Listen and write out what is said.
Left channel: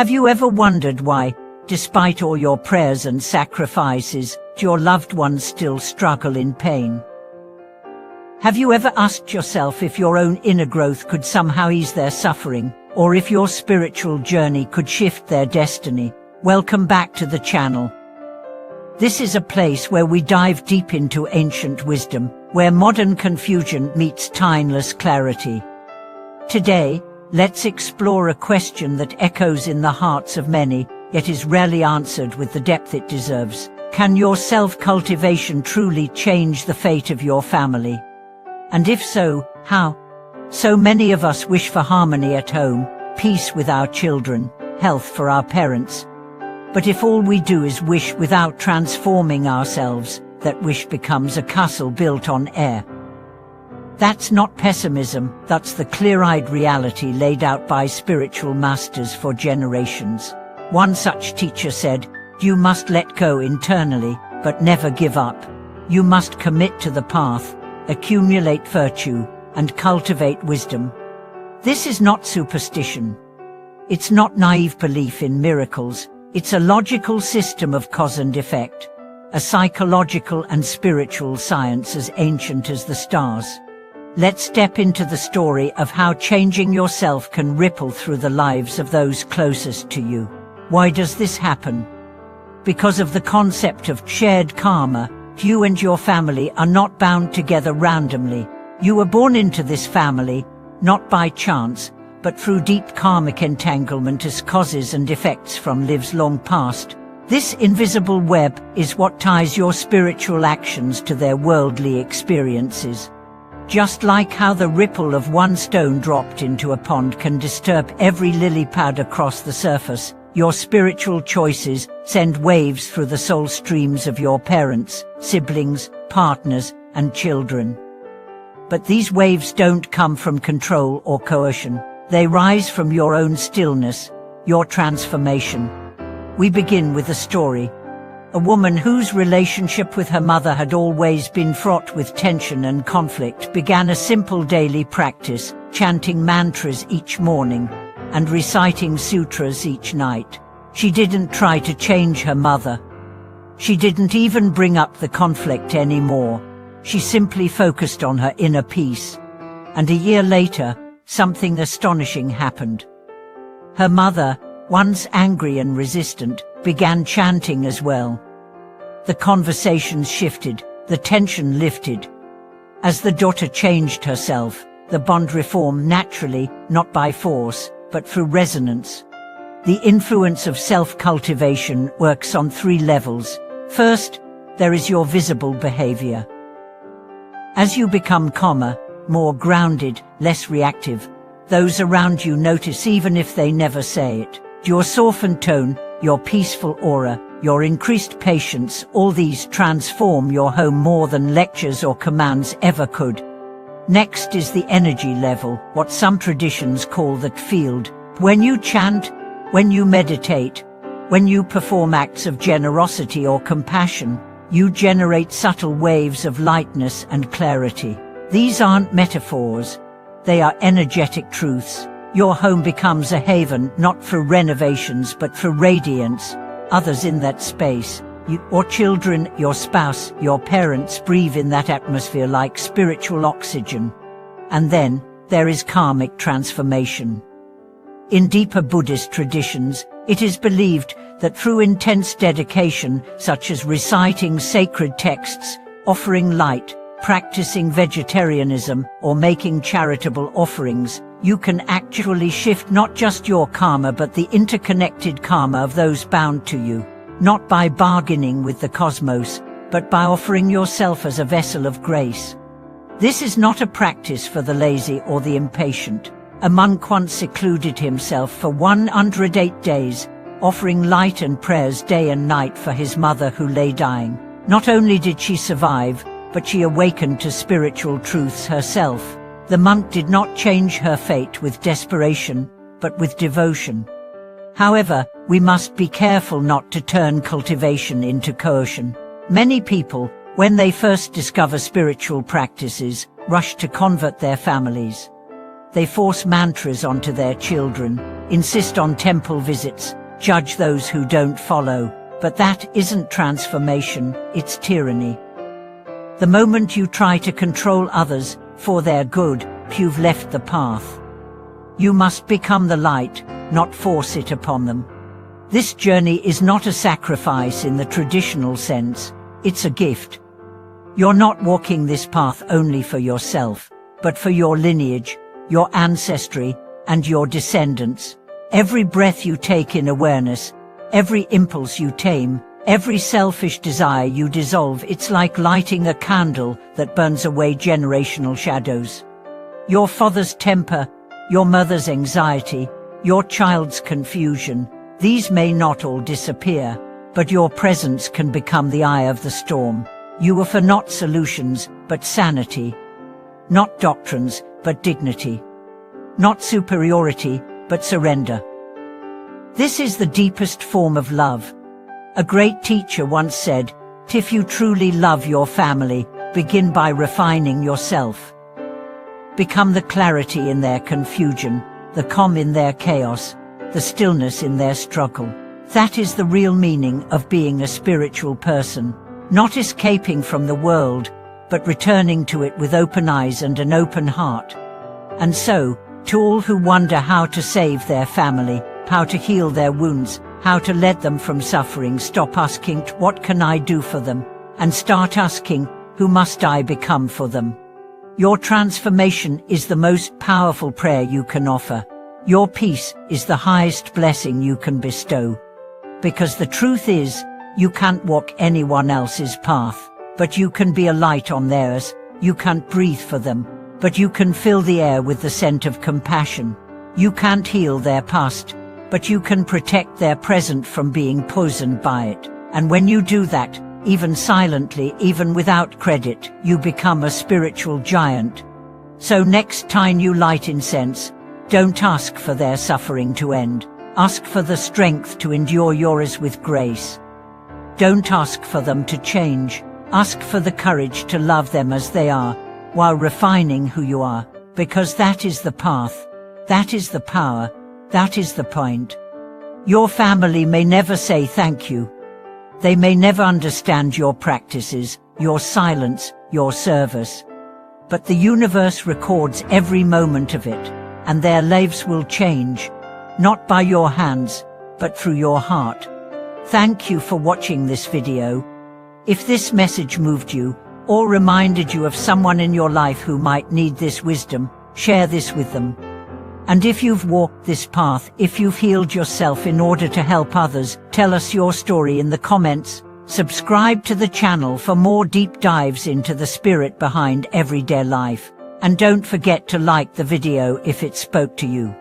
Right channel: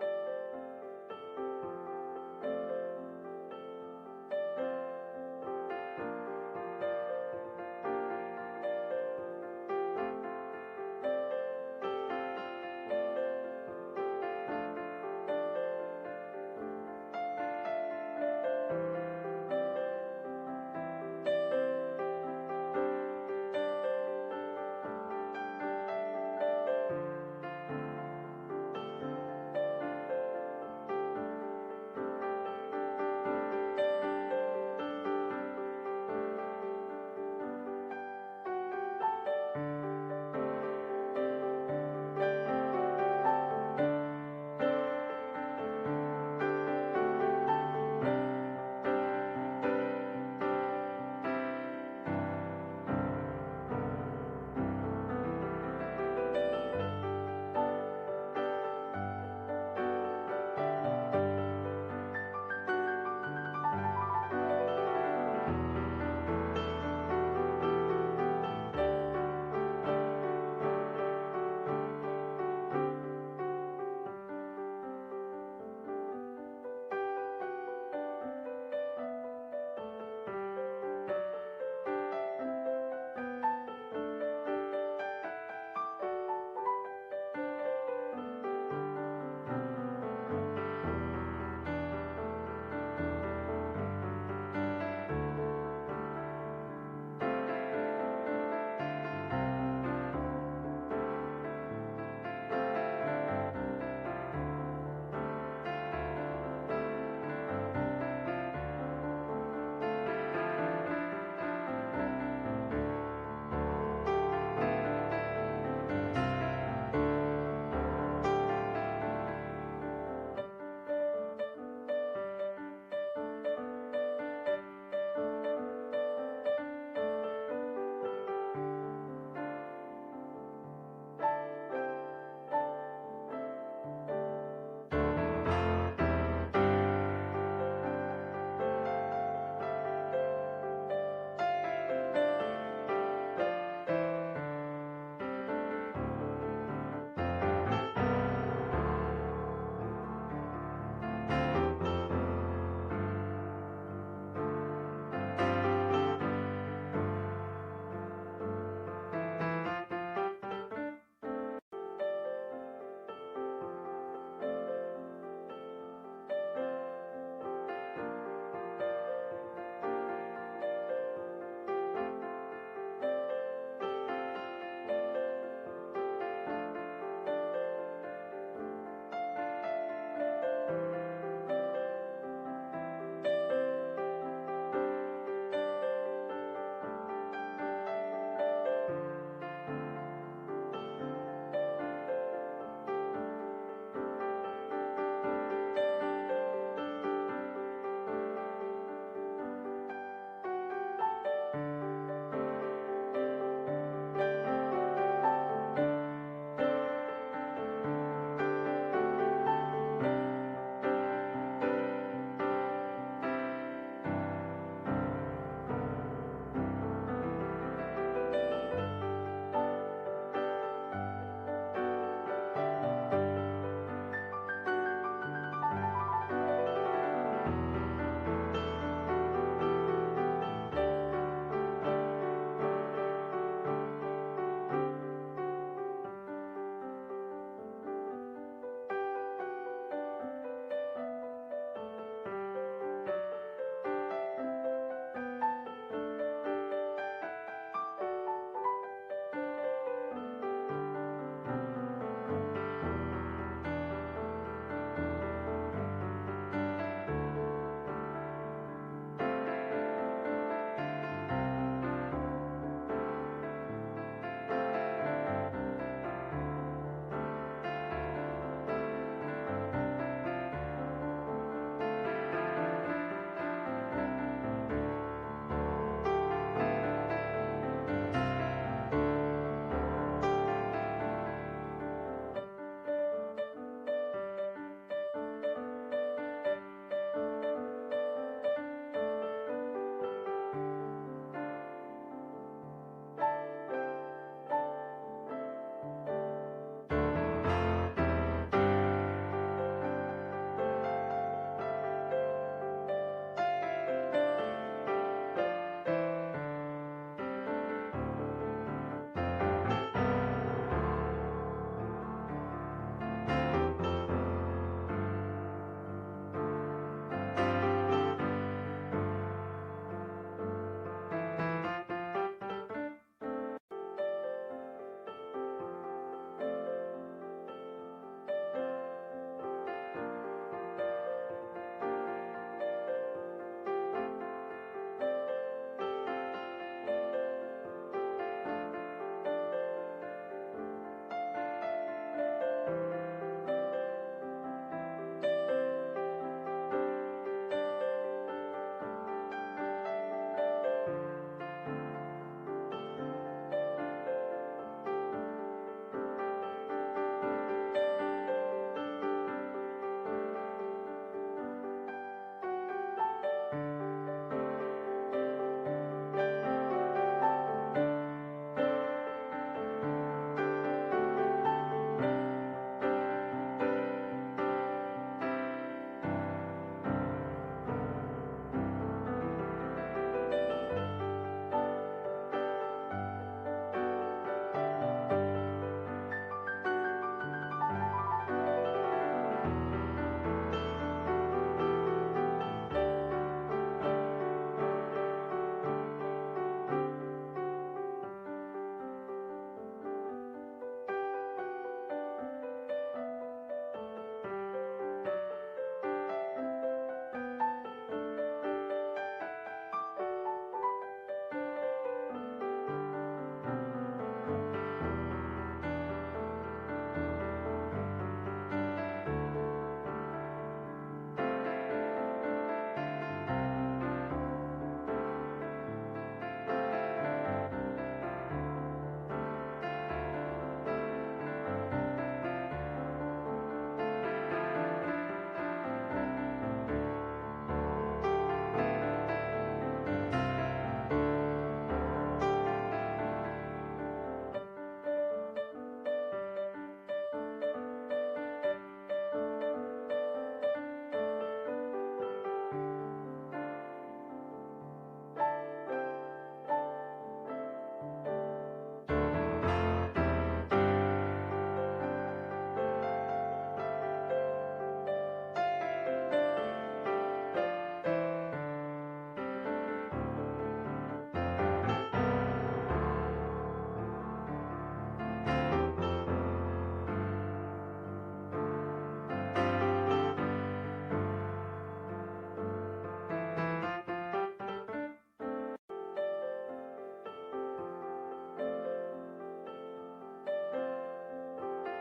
Have you ever wondered why, despite all your prayers and sacrifices, your loved ones still struggle in pain? Have you ever asked yourself if your own inner growth could somehow ease their suffering, or if your spiritual journey could shift their destiny? Welcome back to the channel. This is a place where we dive deep into ancient wisdom, where modern confusion meets timeless clarity. Today, let's explore a question that echoes in the hearts of many, yet is rarely answered with the depth it deserves. Can your self-cultivation truly change the fate of your family? And if so, how? So many of us wish for harmony at home, peace with our children, health for our parents. But if all we do is wish without transforming ourselves, that wish becomes a castle built on air. That's not pessimism, that's the clear-eyed reality laid out by spiritual masters for generations. One such teacher said, "You must let go internally, but never give up. You must commit to the path, accumulate virtue, and cultivate wisdom." This is not superstition. It's not naive belief in miracles. It's a logical system of cause and effect, a psychological and spiritual science as ancient as the stars. Let's step into the story of how changing yourself can ripple through the lives of those closest to you. Why does this happen? Because of the concept of shared karma. You and your family are not bound together randomly. You were born into this family, not by chance, but through deep karmic entanglement as causes and effects from lives long past. This invisible web is what ties your spiritual actions to their worldly experiences. Just like how the ripple of one stone dropped into a pond can disturb every lily pad across the surface, your spiritual choices send waves through the soul streams of your parents, siblings, partners, and children. But these waves don't come from control or coercion. They rise from your own stillness, your transformation. We begin with a story. A woman whose relationship with her mother had always been fraught with tension and conflict began a simple daily practice, chanting mantras each morning and reciting sutras each night. She didn't try to change her mother. She didn't even bring up the conflict anymore. She simply focused on her inner peace. And a year later, something astonishing happened. Her mother, once angry and resistant, began chanting as well. The conversations shifted, the tension lifted. As the daughter changed herself, the bond reformed naturally, not by force, but through resonance. The influence of self-cultivation works on 3 levels. First, there is your visible behavior. As you become calmer, more grounded, less reactive, those around you notice even if they never say it. Your softened tone, your peaceful aura, your increased patience, all these transform your home more than lectures or commands ever could. Next is the energy level, what some traditions call the field. When you chant, when you meditate, when you perform acts of generosity or compassion, you generate subtle waves of lightness and clarity. These aren't metaphors, they are energetic truths. Your home becomes a haven not through renovations but through radiance. Others in that space, your children, your spouse, your parents breathe in that atmosphere like spiritual oxygen. And then, there is karmic transformation. In deeper Buddhist traditions, it is believed that through intense dedication, such as reciting sacred texts, offering light, practicing vegetarianism, or making charitable offerings, you can actually shift not just your karma but the interconnected karma of those bound to you, not by bargaining with the cosmos, but by offering yourself as a vessel of grace. This is not a practice for the lazy or the impatient. A monk once secluded himself for 108 days, offering light and prayers day and night for his mother who lay dying. Not only did she survive, but she awakened to spiritual truths herself. The monk did not change her fate with desperation, but with devotion. However, we must be careful not to turn cultivation into coercion. Many people, when they first discover spiritual practices, rush to convert their families. They force mantras onto their children, insist on temple visits, judge those who don't follow. But that isn't transformation, it's tyranny. The moment you try to control others for their good, you've left the path. You must become the light, not force it upon them. This journey is not a sacrifice in the traditional sense, it's a gift. You're not walking this path only for yourself, but for your lineage, your ancestry, and your descendants. Every breath you take in awareness, every impulse you tame, every selfish desire you dissolve, it's like lighting a candle that burns away generational shadows. Your father's temper, your mother's anxiety, your child's confusion, these may not all disappear, but your presence can become the eye of the storm. You offer not solutions, but sanity. Not doctrines, but dignity. Not superiority, but surrender. This is the deepest form of love. A great teacher once said, "If you truly love your family, begin by refining yourself. Become the clarity in their confusion, the calm in their chaos, the stillness in their struggle." That is the real meaning of being a spiritual person, not escaping from the world, but returning to it with open eyes and an open heart. And so, to all who wonder how to save their family, how to heal their wounds, how to let them from suffering, stop asking, "What can I do for them?" and start asking, "Who must I become for them?" Your transformation is the most powerful prayer you can offer. Your peace is the highest blessing you can bestow. Because the truth is, you can't walk anyone else's path, but you can be a light on theirs. You can't breathe for them, but you can fill the air with the scent of compassion. You can't heal their past, but you can protect their present from being poisoned by it. And when you do that, even silently, even without credit, you become a spiritual giant. So next time you light incense, don't ask for their suffering to end. Ask for the strength to endure yours with grace. Don't ask for them to change. Ask for the courage to love them as they are, while refining who you are, because that is the path, that is the power, that is the point. Your family may never say thank you. They may never understand your practices, your silence, your service. But the universe records every moment of it, and their lives will change, not by your hands, but through your heart. Thank you for watching this video. If this message moved you, or reminded you of someone in your life who might need this wisdom, share this with them. And if you've walked this path, if you've healed yourself in order to help others, tell us your story in the comments. Subscribe to the channel for more deep dives into the spirit behind everyday life. And don't forget to like the video if it spoke to you.